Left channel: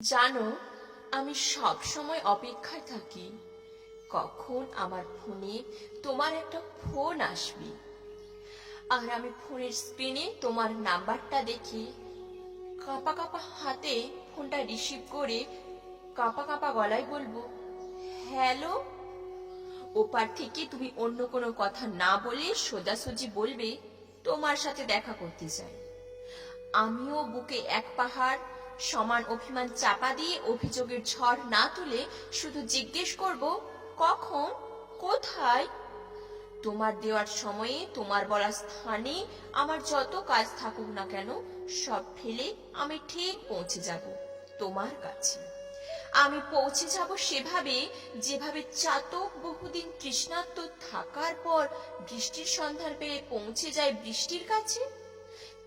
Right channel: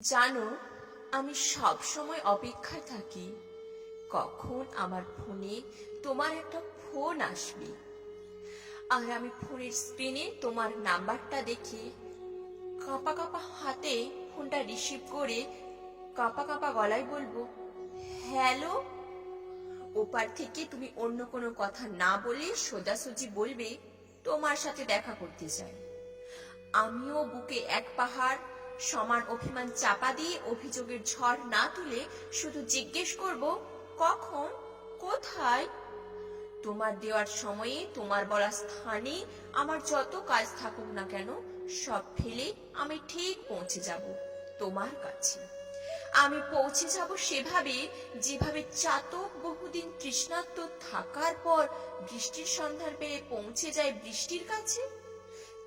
জানো, আমি সব সময় অপেক্ষায় থাকি কখন আমার ফোনে তোমার একটা ফোন আসবে। আর আমি ফোনের স্ক্রিনে তোমার নাম্বারটা দেখে কাঁপা কাঁপা হাতে ফোনটা রিসিভ করে কাঁপা কাঁপা গলায় বলবো, হ্যালো। ওপার থেকে তুমি অন্য কোনো কথা না বলে সোজাসুজি বলবে তোমার সাথে দেখা করতে চাই। আমিও বুকে এক পাহাড় সমান অভিমান চাপা দিয়ে অভিযোগের ঝড় না তুলে শুধু জিজ্ঞেস করব, কখন, কোথায়। তোমার দেওয়ার সময়ে তোমার বলা স্থানে আমার যত কাজ থাকুক না কেন সব ফেলে আমি ঠিক পৌঁছে যাব তোমার কাছে। আমি পৌঁছে যাব সেভাবে যেভাবে চাতক বহুদিন তৃষ্ণার্ত থাকার পর বৃষ্টির সন্ধান পেয়ে পৌঁছে যায় বৃষ্টির কাছে।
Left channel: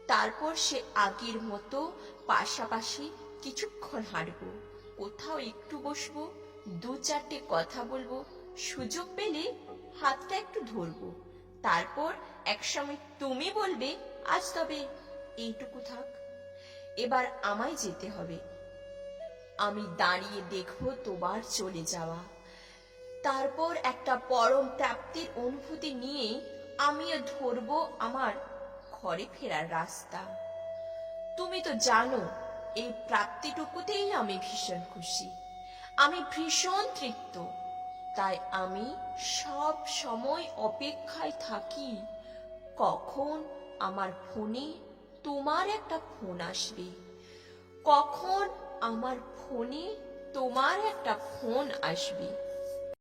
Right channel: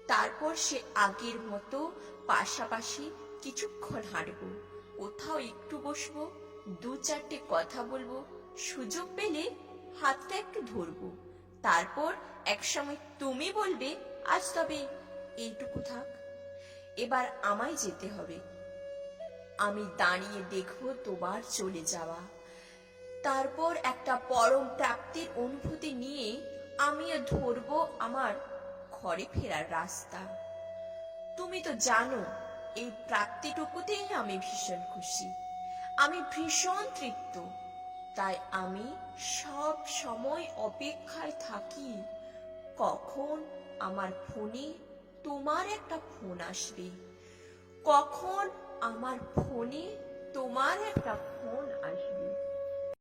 তারপর সে আগের মতো পাশাপাশি কিছুক্ষণ হাঁটবো, কোথাও একটু বসবো, দু চারটে কথা বলবো, সুযোগ পেলে হাতটা একটু ধরবো। তারপর একসময় তুমি বলবে, আজ তবে এইটুকু থাক, এবার আমায় যেতে হবে। আমি দাঁড়িয়ে দেখবো তোমার চলে যাওয়া। তারপর একটা পরম প্রাপ্তির অনুভূতি নিয়ে আমিও ধরবো আমার ঘরে ফেরার রাস্তা। তুমি তো জানো, এই প্রাপ্তিটুকুতেই আমি ভীষণ খুশি, আমি ভীষণ তৃপ্ত। তাই আমি সব সময় অপেক্ষায় থাকি কখন আমার ফোনে তোমার একটা ফোন আসবে, কখন আমার ফোনে তোমার একটা ফোন আসবে।